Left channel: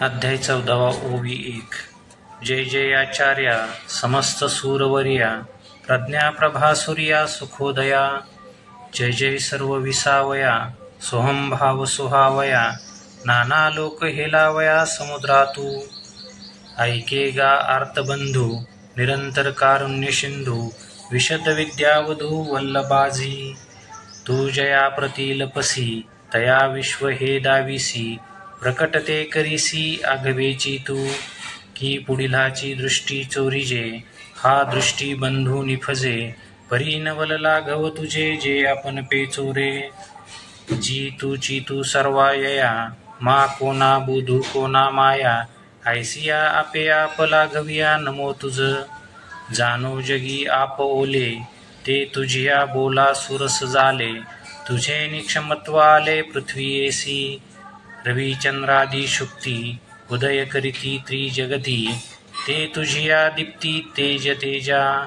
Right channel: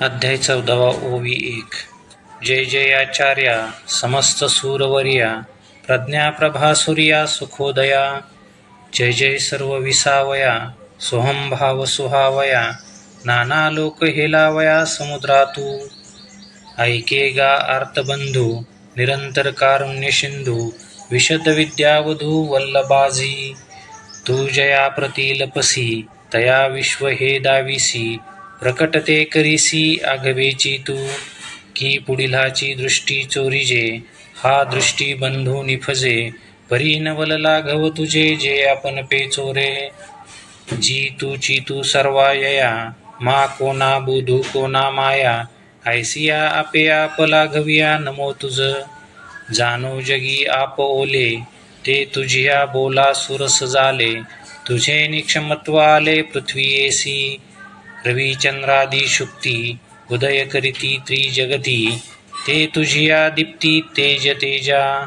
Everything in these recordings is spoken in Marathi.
अध्याय 14 ओवी 1. जय जयाचार्या समस्त सूरवर्या प्रज्ञा प्रभा सूर्या सुखोदया. जय जय सर्व विसावया सोहम भाव सुहावया. नाना लोक हेलावया समुद्रातू. ऐके गा आर्तबंधू निरंतर कारुण्य सिंधू. विशद विद्यावधू वल्लभाजी. तू जया प्रतिलपसी तया विश्व हे दाविसी. प्रकटते करीसी आगवेची तू. की पुढिलाची दृष्टी चोरीजे हा दृष्टी बंधू निफजे. परी नवल लाघव तुझे जे आपण पे चोरे. जी तूची तू सर्वायया मा कोणा बुधू कोणा माया. ऐसिया आपे आप लाघविया नमो तुझ. जानो जगी आप ओले ते तुझिया बोला सुरस झाले. तुझे निक्षमत्व आले पृथ्वीयेसी. रविचंद्रादी शुक्ती उदय करीती त्रिजगती. ते तुझिया दीप्ती तेज तेजा.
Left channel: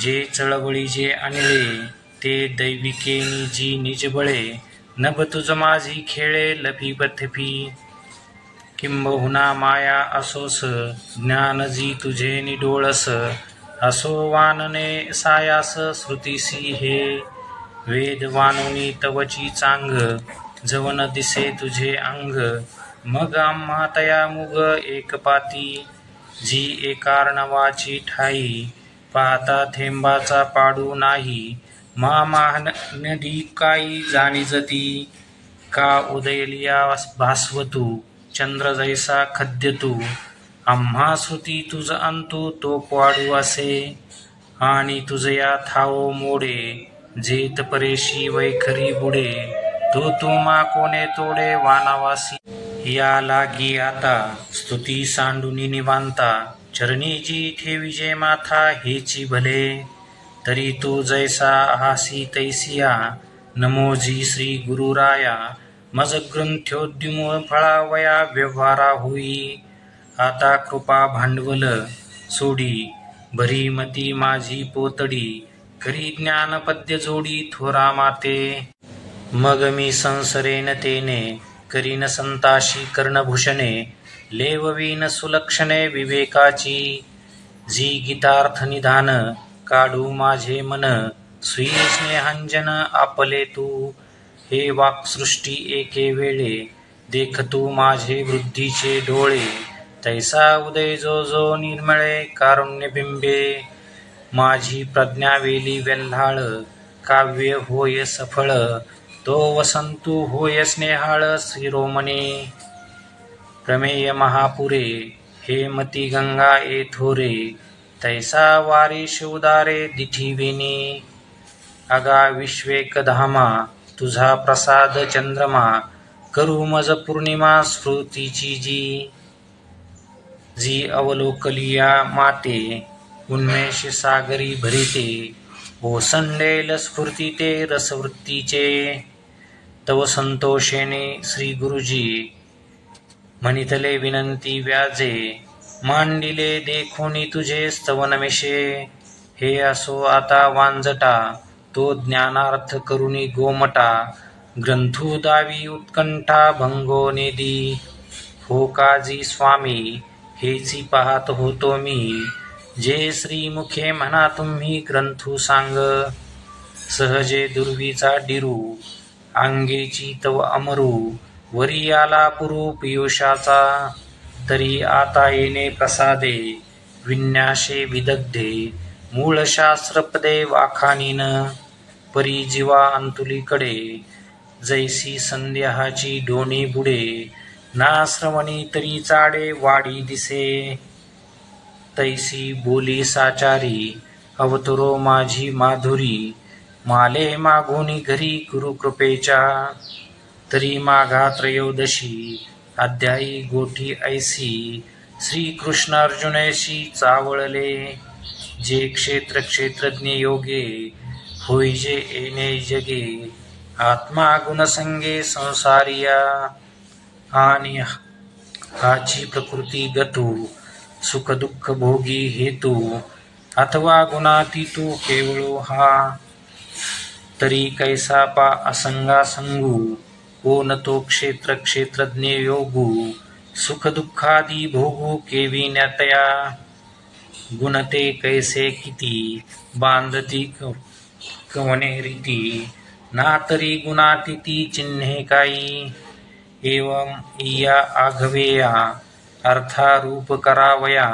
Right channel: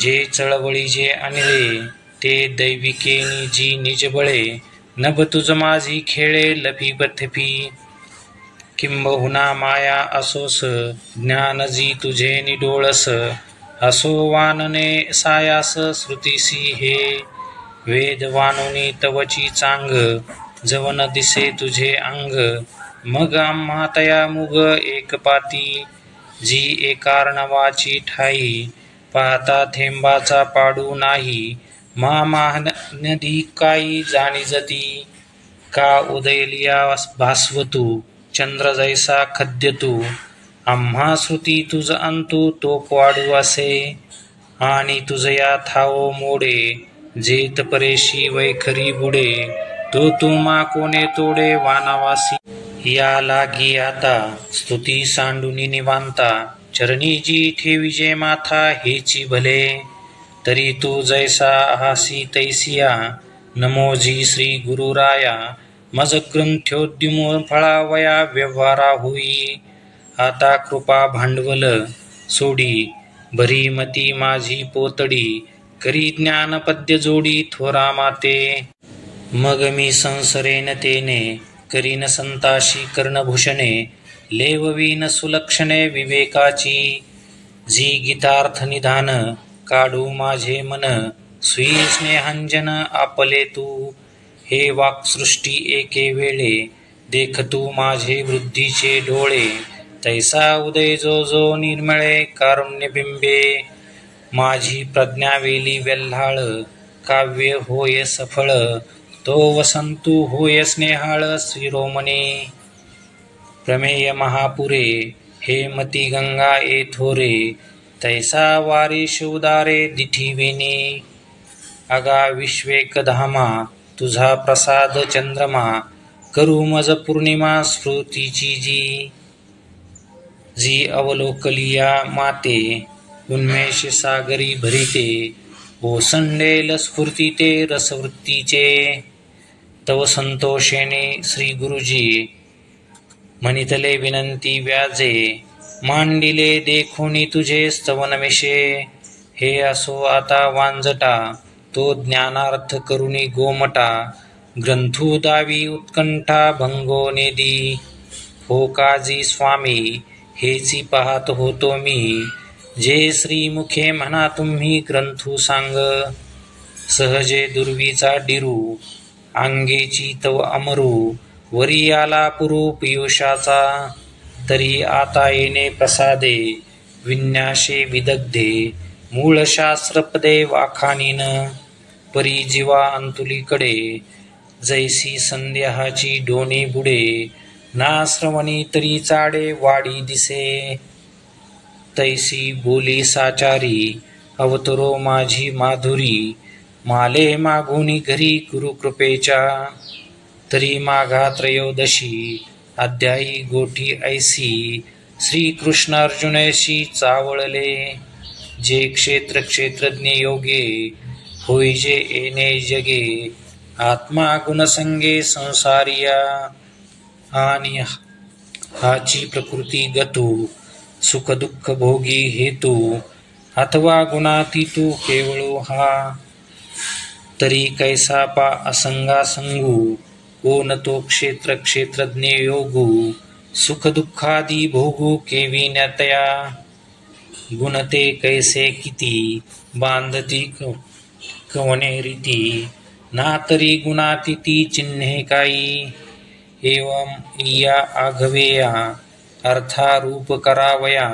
जे चळवळीचे अनिले ते दैविकेनी जी निज बळे. नभ तुझ माझी खेळे लपी पथपी. किंबहुना माया असोस ज्ञान जी तुझे निडोळस. असो वानने सायास श्रुतीसी हे. वेद वानुनी तवची चांग जवन दिसे तुझे अंग. मग आम्हा तया मुग एकपाती. जी एकारणवाची ठाई पाहता थेंबाचा पाडू नाही. मा नदी काई जाणीजती. का उदयलिया भास्वतू चंद्र जैसा खद्यतू. आम्हा श्रुती तुझ अंतू तो पाडू असे. आणि तुझया थाओ मोडे जेत परेशी वैखरी बुडे. तो तुमा कोणे तोडे वानावासी. या लागी आता स्तुती सांडुनी निवांता. चरणी जी ठेविजे माथा हेची भले. तरी तू जैसा हासी तैसिया नमो जी श्री गुरुराया. मज ग्रंथोद्युम फळावया व्यवहारा होई. आता कृपा भांडवल सोडी भरी मती माझी पोतडी. करी ज्ञान पद्य जोडी थोरा माते. मग मी संसरेन तेने करीन संताशी कर्णभूषणे. लेववीन सुलक्षणे विवेकाची. जी गीतार्थ निधान काढू माझे मन. स्वी स्नेहांजन आपले तू. हे वाक्सृष्टी एके वेळे देखतू माझे वृद्धीचे डोळे. तैसा उदय जो जो निर्मळे कारुण्यबिंबे. माझी प्रज्ञा वेली वेल्हाळ काव्य होय सफळ. तो वसंतू होय स्नेहाळ शिरोमणे. प्रमेय महापुरे हे मती गंगा ए थोरे. तैसा वारीश उदारे दिठीवेने. अगा विश्वेकधामा तुझा प्रसाद चंद्रमा. करू मज पौर्णिमा स्फूर्तीची जी. जी अवलोकलिया माते उन्मेष सागरी भरिते. ओसंडेल स्फूर्ती ते रसवृत्तीचे. तव संतोषेने श्री गुरुजी म्हणितले विनंती व्याजे. मांडिले देखोनी तुझे स्तवनमिषे. हे असो आता वांजटा तो ज्ञानार्थ करुणी गोमटा. ग्रंथू दावी उत्कंठा भंगो नेदी. हो काजी स्वामी हेची पाहत होतो मी. जे श्रीमुखे म्हणा तुम्ही ग्रंथू सांग. सहजे दुर्वीचा डिरू अंगेची तव अमरू. वरी आला पुरू पियुषाचा. तरी आता येणे प्रसादे विन्यासे विदग्धे. मूळ शास्त्रपदे वाखानीन. परी जीवा अंतुलीकडे जैसी संदेहाची डोणी बुडे. ना श्रवणी तरी चाडे वाडी दिसे. तैसी बोली साचारी अवतरो माझी माधुरी. माले मागुनी घरी गुरुकृपेच्या. तरी माघा त्रयोदशी अध्यायी गोठी ऐसी. श्रीकृष्ण अर्जुनशी चावळले. जे क्षेत्र क्षेत्रज्ञ योगे होईजे येणे जगे. आत्मा गुणसंगे संसारिया. आणि हाची प्रकृती गतू सुख दुःख भोगी हेतू. अथवा गुणातीतू केवळो हा. तरी कैसा पा असंगा संगू. कोण तो क्षेत्र क्षेत्रज्ञ योगू. सुख दुःखादी भोगू केविन्यतया गुणते कैसे किती बांधती कवने रीती ना तरी गुणातिथी चिन्हे काही एवं इया आघवेया अर्थारूप करावया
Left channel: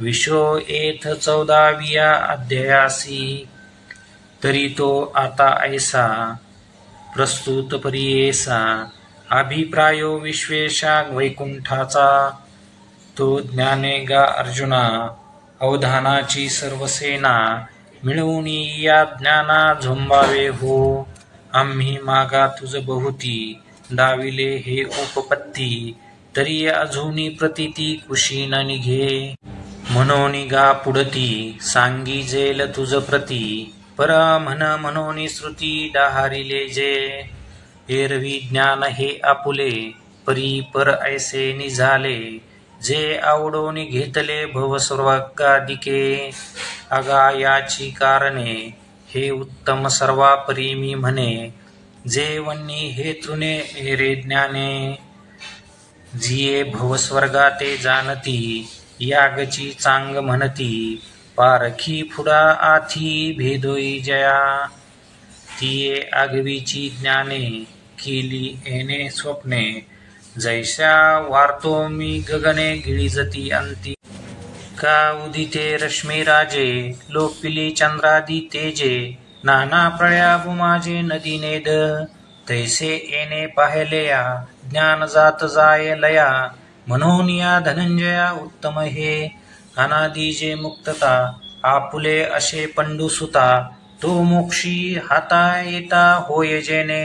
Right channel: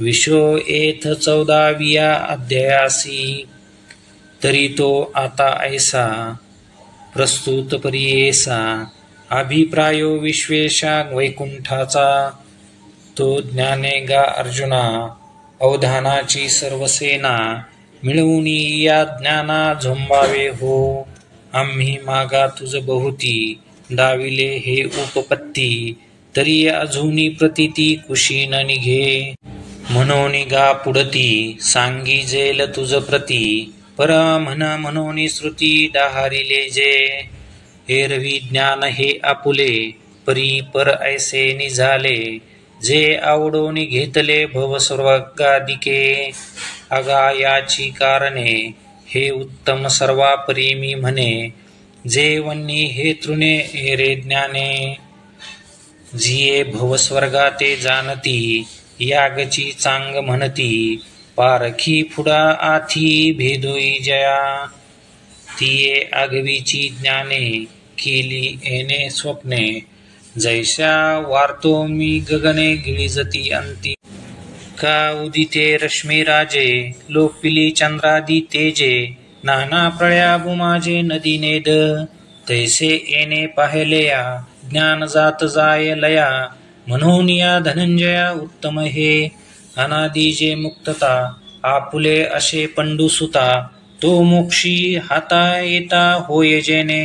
विशो एथ 14व्या अध्यायासी तरी तो आता ऐसा प्रस्तुत परियेसा अभिप्रायो विश्वेशा वैकुंठाचा तो ज्ञाने गा अर्जुना अवधानाची सर्व सेना मिळवून या ज्ञाना झोंबावे हो आम्ही मागा तुझ बहुती दाविले हे उपपत्ती तरी अजूनी प्रतीती कुशी न निघे म्हणून गा पुढती सांगी जेल तुझ प्रती पर म्हणून श्रुती दाहारिले जे एरवी ज्ञान हे आपुले परी पर ऐसे निझाले जे आवडून घेतले भवस्वर्गादिके अगा याची कारणे हे उत्तम सर्वापरी मी म्हणे जे वन्नी हे तृणे एरे ज्ञाने जिये भवस्वर्गाते जानती यागची चांग म्हणती पारखी फुडा आथी भेदोई जया तिये आगवीची ज्ञाने केली येणे स्वप्ने जैसा वार्तो मी गगने गिळिजती अंती का उदिते रश्मी राजे लोपिली चंद्रादी तेजे नाना प्रळयाबु माझे नदी नेद तैसे येणे पाहिलेया ज्ञान जात जाय लया म्हणून या धनंजया उत्तम हे अनादी जे मुक्तता आपुले असे पंडुसुता तो मोक्षी हाता येता होय जेने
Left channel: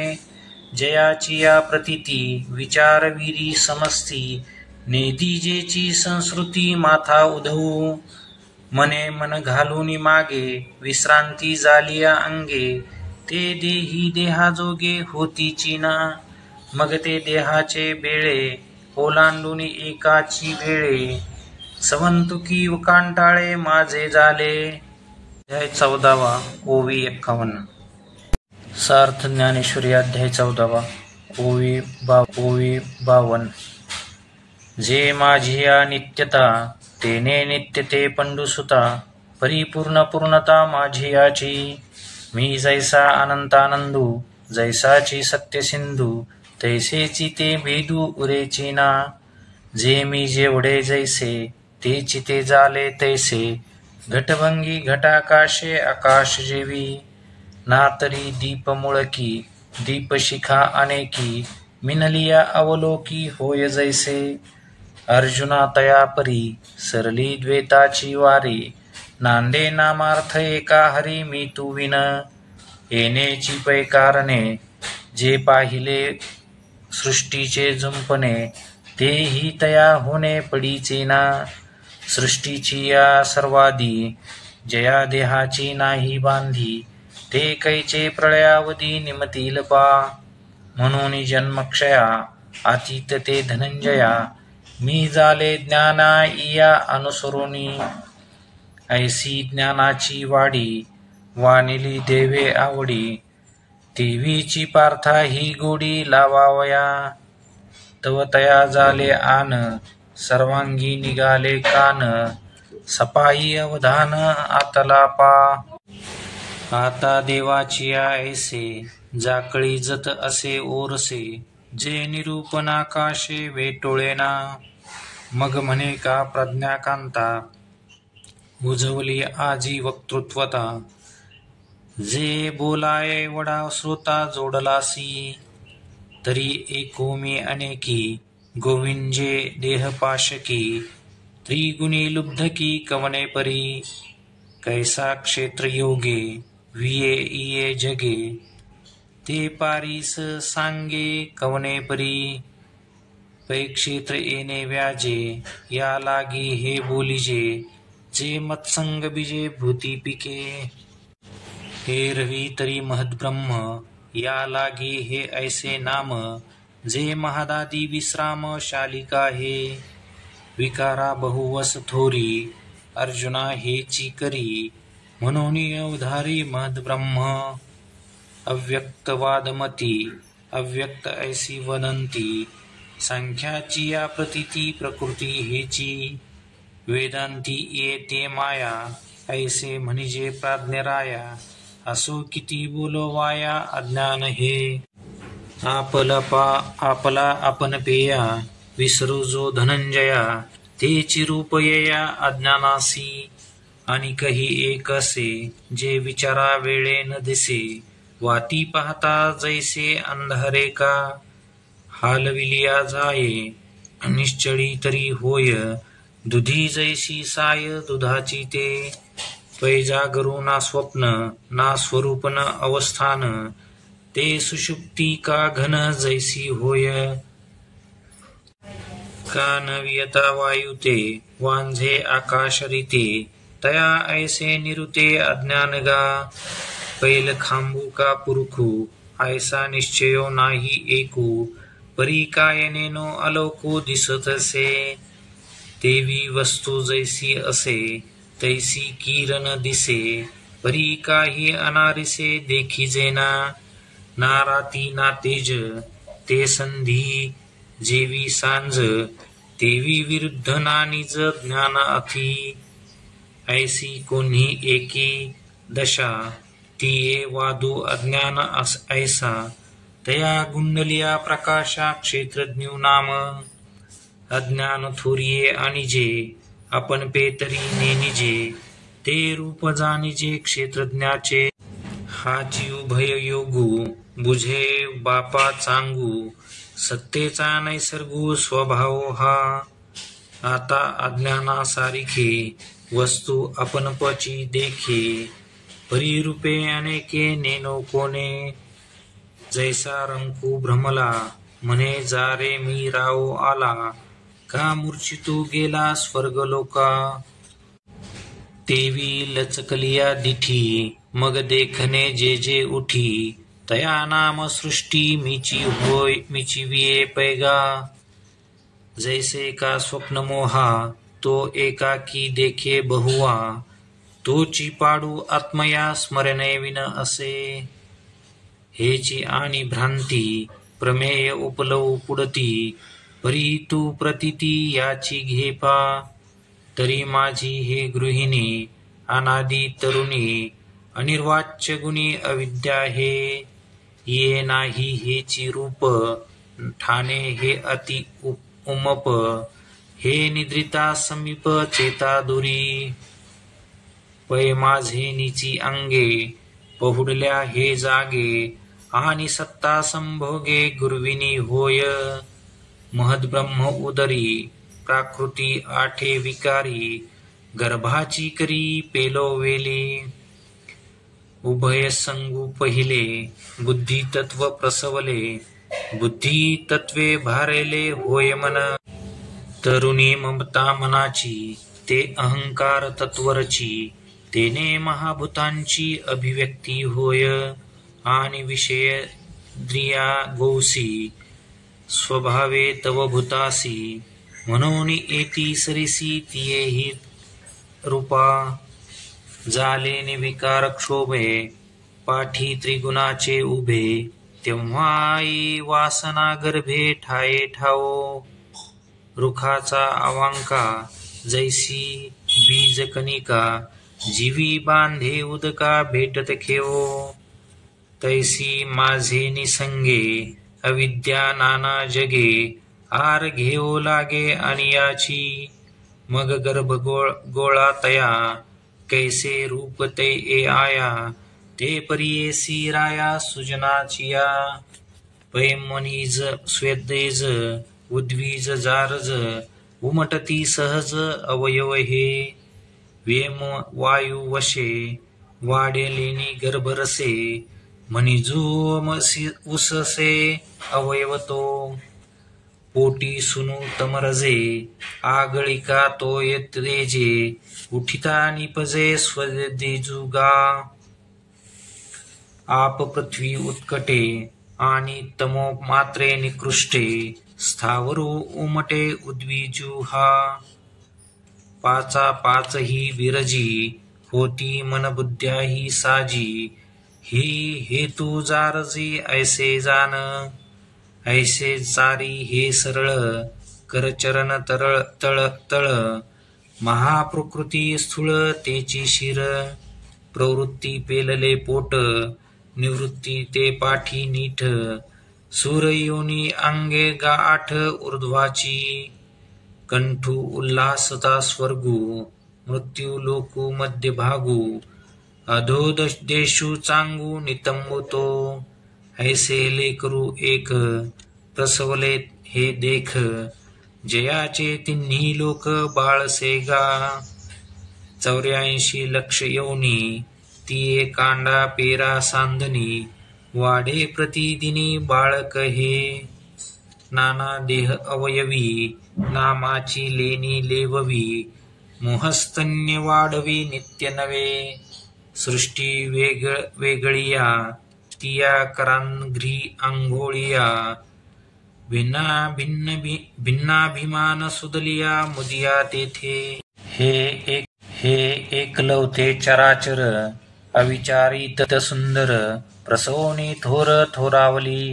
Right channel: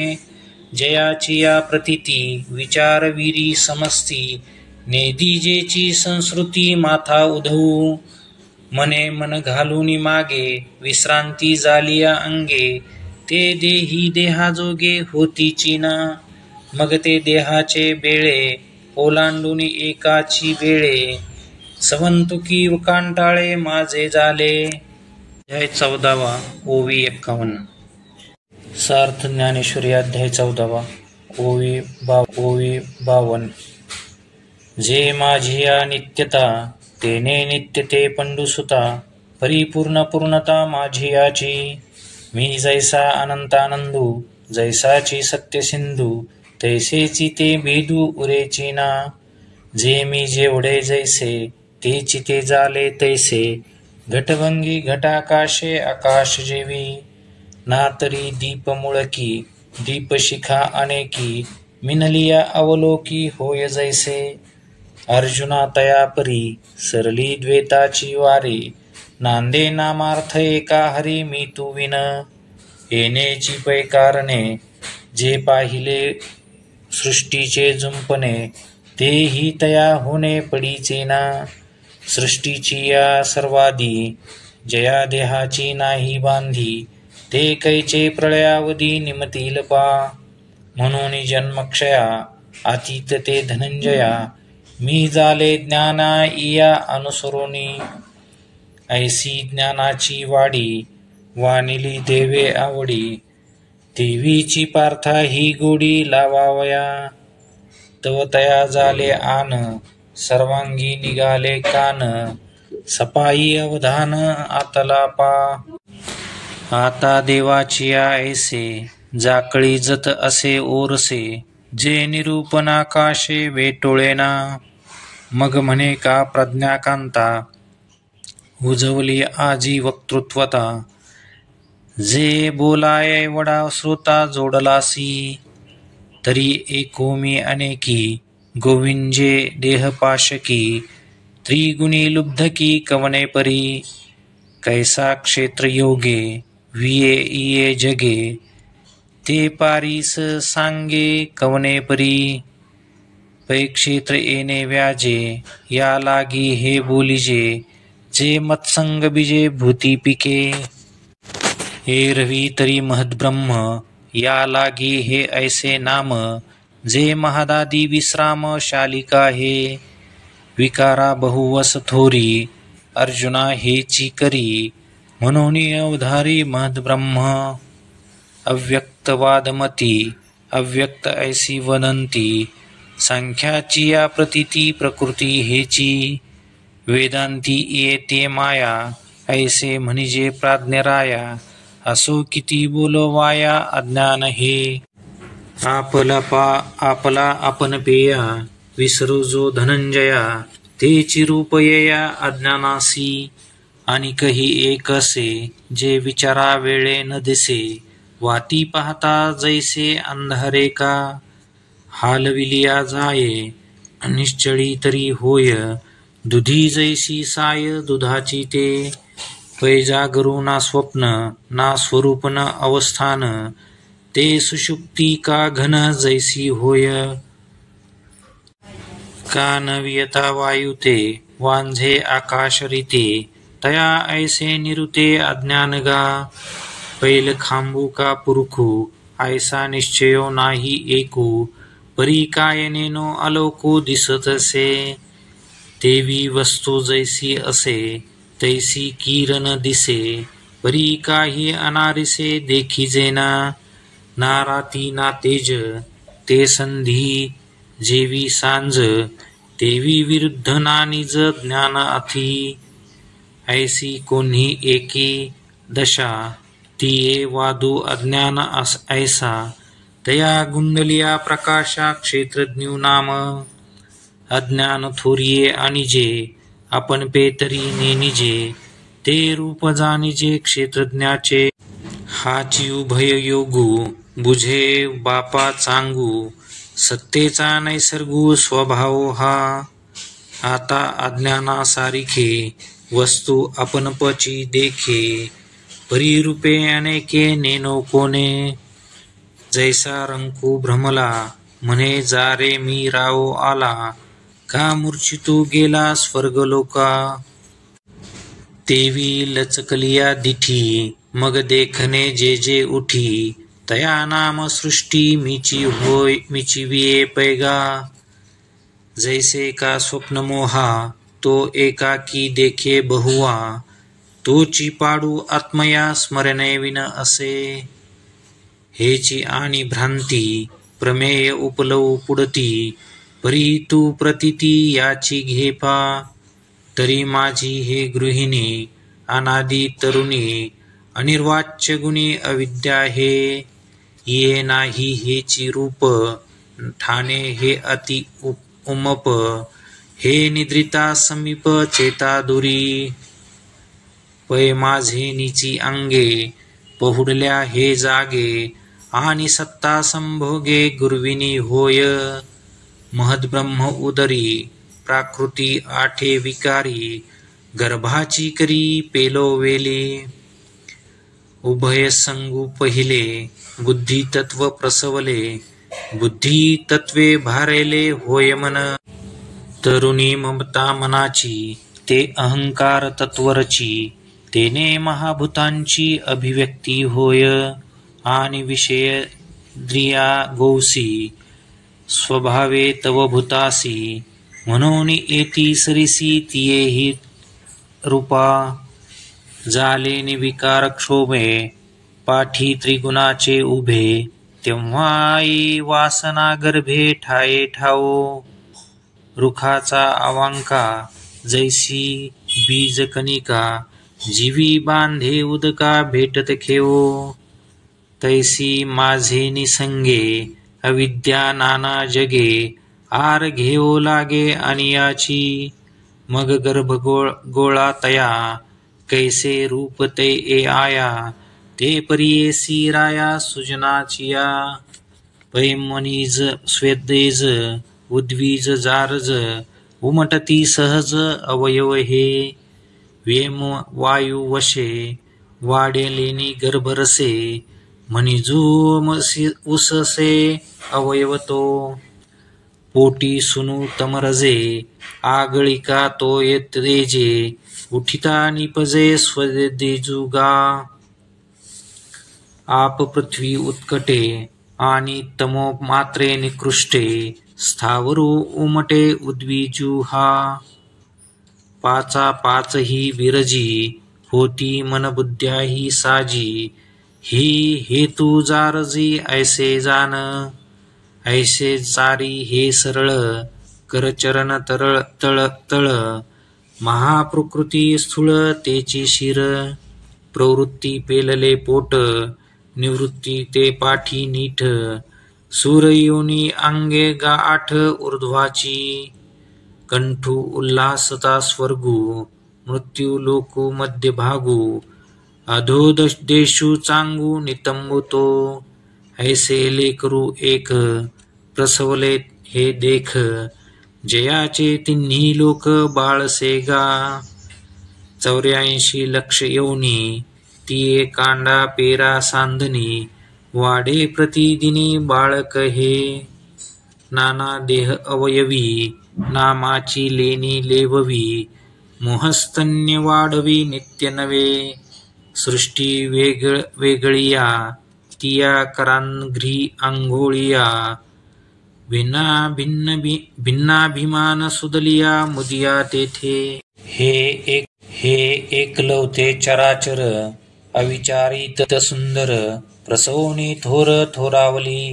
जयाची या प्रतीती विचारवीरी समस्ती नेदीजेची संस्कृती माथा उधवू मने मन घालून मागे विश्रांती जालिया अंगे ते देही देहाजोगे होतीची ना मग ते देहाचे बेळे ओलांडून एकाची वेळे सवंतुकी कांटाळे माझे झाले. अध्याय 14 ओवी 51 सार्थ ज्ञानेश्वरी अध्याय 14 ओवी 52 जे माझिया नित्यता तेने नित्यते पंडुसुता परिपूर्ण पूर्णता माझियाची मी जैसा अनंतानंदू जैसाची सत्य सिंधू तैसेची ते भेदू उरेची ना जे मी जेवढे जैसे तेची ते झाले तैसे घटभंगी घटाकाशे आकाश जेवी ना तरी दीप मुळकी दीपशिखा अनेकी मिनलिया अवलोकी होय जैसे अर्जुना तया परी सरली द्वेताची वारी नांदे नामार्थ एका हरी मी तू विन येण्याची पै कारणे जे पाहिले सृष्टीचे जुंपणे तेही तया होणे पडीचे ना सृष्टीची या सर्वादी जया देहाची नाही बांधी ते कैचे प्रळयावधी निमतील पा म्हणून जन्मक्षया अतीत ते धनंजया मी झाले ज्ञाना इया अनुसरुनी ऐसी ज्ञानाची वाडी वानिली देवे आवडी देवीची पार्था ही गोडी लावावया तव तया झाले आन सर्वांगी निघाले कान सपाई अवधान आतला पा आता देवाची ऐसे जाकळी जत असे ओरसे जे निरूपणाकाशे वेटोळेना मग म्हणे का प्रज्ञाकांता उजवली आजी वक्तृत्वता जे बोलाय वडा श्रोता जोडलासी तरी एकोमी अनेकी गोविंजे देहपाशकी त्रिगुणी लुब्धकी कवने परी कैसा क्षेत्र योगे विये इये जगे ते पारीस सांगे कवने परी पै क्षेत्र येणे व्याजे या लागी हे बोलिजे जे मत्संग बीजे भूती पिके एरवी तरी महद्ब्रह्म या लागी हे ऐसे नाम जे महादादी विश्राम शालिका हे विकारा बहुवस थोरी अर्जुना हेची करी म्हणून अवधारी महद्ब्रह्म अव्यक्तवादमती अव्यक्त ऐसी वदंती संख्याची या प्रतीती प्रकृती हेची वेदांती येते माया ऐसे म्हणजे प्राज्ञराया असो किती बोलवाया अज्ञान हे आपला आपण पेया विसरू जो धनंजया तेची रूप येया अज्ञानासी आणि कही एक असे जे विचारा वेळे न दिसे वाती पाहता जैसे अंधारे का हालविलिया जाये निश्चळी तरी होय दुधी जैसी साय दुधाची ते पैजागरू ना स्वप्न ना स्वरूप न अवस्थान ते सुषुप्ती का घन जैसी होय का न वियता वायु ते वांझे आकाश रीते तया ऐसे निरुते अज्ञान गा पैल खांबू का पुरखू ऐसा निश्चयो नाही एकू परी काय नेनो अलोकू दिसतसे देवी वस्तू जैसी असे तैसी किरण दिसे परी काही अनारिसे देखिजेना ना राती ना तेज ते संधी जेवी सांज देवी विरुद्ध ना निज ज्ञान अथी ऐसी कोणी एकी दशा तिये वादू अज्ञान ऐसा तया गुंडलिया प्रकाशा क्षेत्रज्ञू नाम अज्ञान थोरिये आणिजे आपण पेतरी नेनिजे ते रूप जाणिजे क्षेत्रज्ञाचे हाची उभय योगू बुझे बापा चांगू सत्तेचा नैसर्गू स्वभाव हा आता अज्ञानासारिखे वस्तू आपणपची देखे परिरूपे अनेके नेनो कोणे जैसा रंकू भ्रमला म्हणे जा रे मी राव आला का मूर्छितू गेला स्वर्गलोका तेवी लचकलिया दिठी मग देखने जे जे उठी तया नाम सृष्टी मीची होय मीची विये पैगा जैसे का स्वप्न मोहा तो एकाकी देखे बहुवा तोची पाडू आत्मया स्मरणे विन असे हेची आणि भ्रांती प्रमेय उपलव पुडती परी तू प्रतीती याची घेपा तरी माझी हे गृहिणी अनादी तरुणी अनिर्वाच्य गुणी अविद्या हे ये नाही हेची रूप ठाणे हे अति उमप हे निद्रिता समीप चेता दुरी पै माझे निची अंगे पहुडल्या हे जागे आणि सत्ता संभोगे गुरविनी होय महद्ब्रह्म उदरी प्राकृती आठे विकारी गर्भाची करी पेलो वेली उभय संगू पहिले बुद्धी तत्व प्रसवले बुद्धी तत्वे भारेले होय मन तरुणी ममता मनाची ते अहंकार तत्वरची तेने महाभूतांची अभिव्यक्ती होय आणि विषय द्रिया गौसी स्वभावे तव भूतासी म्हणून येती सरिसी तियेही रूपा जाले निविकार क्षोभे पाठी त्रिगुणाचे उभे तेव्हाई वासना गर्भे ठाये ठावो रुखाचा अवांका जैसी बीज कणिका जीवी बांधे उदका भेटत खेवो तैसी माझे निसंगे अविद्या नाना जगे आर घेऊ लागे आणि याची मग गर्भ गोळा तया कैसे रूप ते ए आया ते परियेसी राया सुजनाचिया पैमनीज स्वेदेज उद्वीज जारज उमटती सहज अवयव हे व्यम वायू वशे वाडे लेनी गर्भरसे मनिजूम उससे अवयवतो पोटी सुनु तमरजे आगळिका तो येतेजे उठिता निपजे स्वदेजुगा आप पृथ्वी उत्कटे आणि तमो मात्रे निकृष्टे स्थावरू उमटे उद्विजू हा पाचा पाच ही विरजी होती मनबुद्ध्या ही साजी ही हेतू जारजी ऐसे जान ऐसे चारी हे सरळ करचरण तरळ तळ तळ महाप्रकृती स्थूळ तेची शिर प्रवृत्ती पेलले पोट निवृत्ती ते पाठी नीठ सूरयोनी अंगे गाठ ऊर्ध्वाची कंठू उल्हासता स्वर्गू मृत्यू लोकू मध्यभागू अधोदेशू चांगू नितंबतो ऐसे लेकरू एक प्रसवले हे देख जयाचे तिन्ही लोक बाळसे गा 84 लक्ष योनी ती कांडा पेरा सांधनी वाढे प्रतिदिनी बाळक हे नाना देह अवयवी नामाची लेणी लेववी मोहस्तन्य वाढवी नित्य नवे सृष्टी वेगळिया तिया करांघ्री आंघोळिया भिन्नाभिमान सुदलिया मुदिया तेथे हे एकलवते चराचर अविचारित सुंदर प्रसवनी थोर थोरावली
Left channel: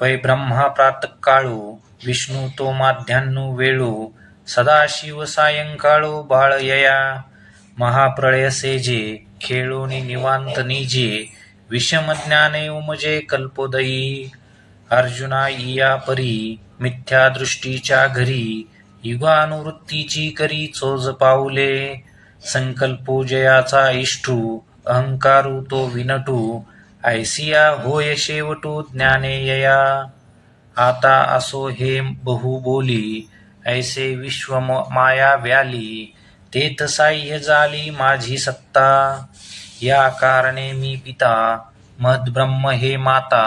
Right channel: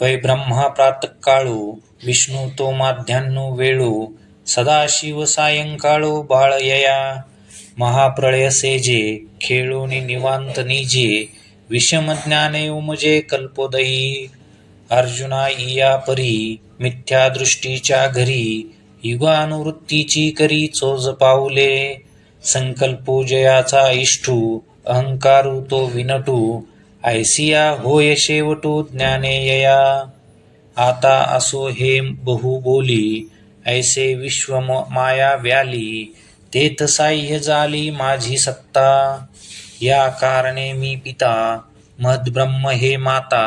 पै ब्रह्मा प्रातःकाळू विष्णू तो माध्यान्हू वेळू सदाशिव सायंकाळू बाळयया महाप्रळय सेजे खेळोनी निवांत निजे विषम ज्ञाने उमजे कल्पोदयी अर्जुना इया परी मिथ्या दृष्टीच्या घरी युगानुवृत्तीची करी चोज पाऊले संकल्पो जयाचा इष्टू अहंकारू तो विनटू ऐसिया होय शेवटू ज्ञाने यया आता असो हे बहु बोली ऐसे विश्व माया व्याली तेथ साह्य झाली माझी सत्ता या कारणे मी पिता महद्ब्रह्म हे माता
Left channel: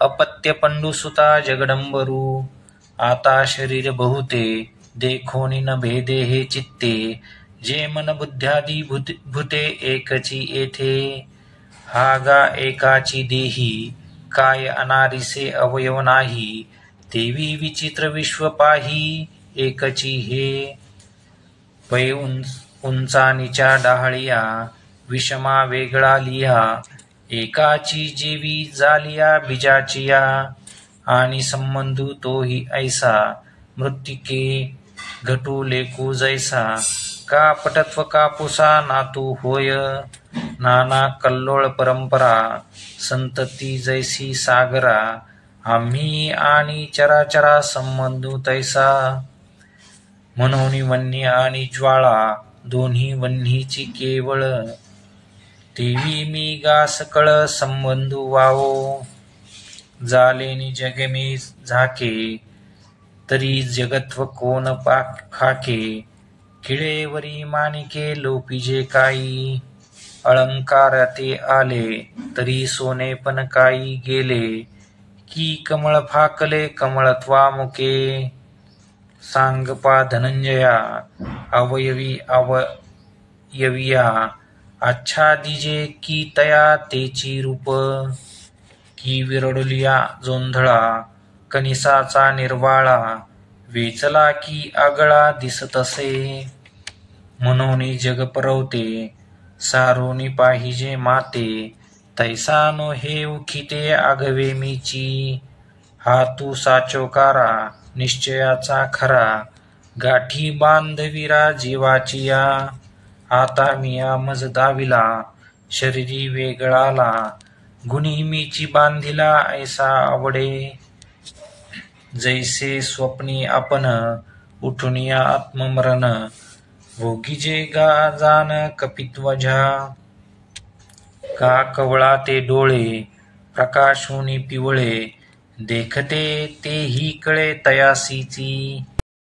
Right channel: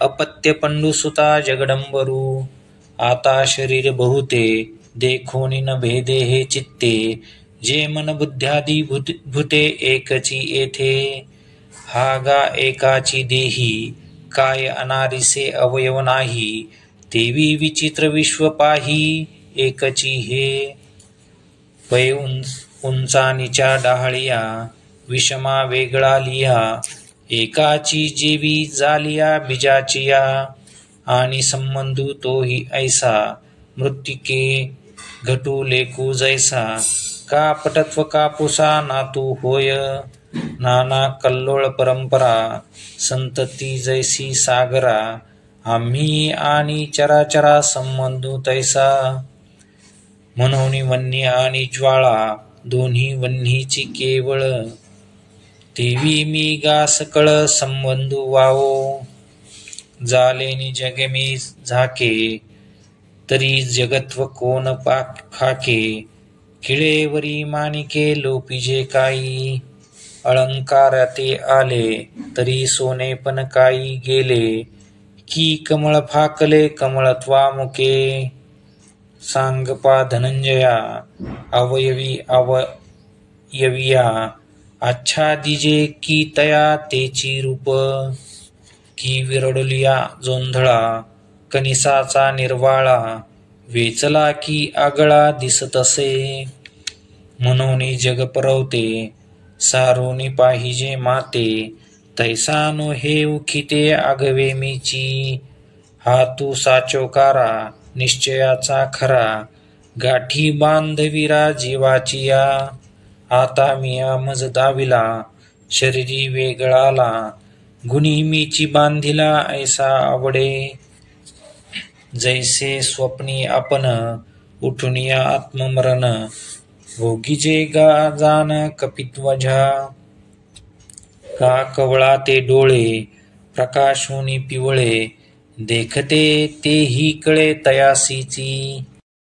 अपत्य पंडुसुता जगडंबरू आता शरीर बहुते देखोनी न भेदे हे चित्ते जे मन बुद्ध्यादी भूते एकची येथे हा गा एकाची देही काय अनारिसे अवयव नाही तेवी विचित्र विश्व पाही एकची हे पै उंचानीच्या डाहळिया विषमा वेगळा लिहा एकाची जेवी जालिया बीजाचिया आणि संबंधू तोही ऐसा मृत्तिके घटू लेकू जैसा का पटत्व कापुसा नातू होय नाना कल्लोळ परंपरा संतती जैसी सागरा आम्ही आणि चराचरा संबंधू तैसा म्हणून वन्य आणि ज्वाळा दोन्ही वन्हीची केवळ तेवी मी गा सकळ संबंधू वावो जालेनी जगे मी झाके तरी जगत्व कोण खाके खिळेवरी मानिके लोपिजे काही अलंकार ते आले तरी सोने पण काही गेले की कमळ फाकले कमळत्वामुके सांगपा धनंजया अवयवी अवयविया आच्छादिजे की तया तेची रूप की विरडलिया जोंधळा कनिसाचा निर्वाळा वेचला की आगळा दिसतसे म्हणून जग परवते सारोनी पाहिजे माते तैसानो हे उखिते आगवे मीची हा तू साचोकारा निश्चयाचा खरा गाठी बांधविरा जीवाचिया आता मिया मज दाविला शरीरी वेगळाला गुणी मीची बांधिला ऐसा आवडे जैसे स्वप्नी आपण उठुनिया आत्ममरण भोगीजे गा जान कपित्वजा का कवळा ते डोळे प्रकाशोनी पिवळे देखते तेही कळे तयासीची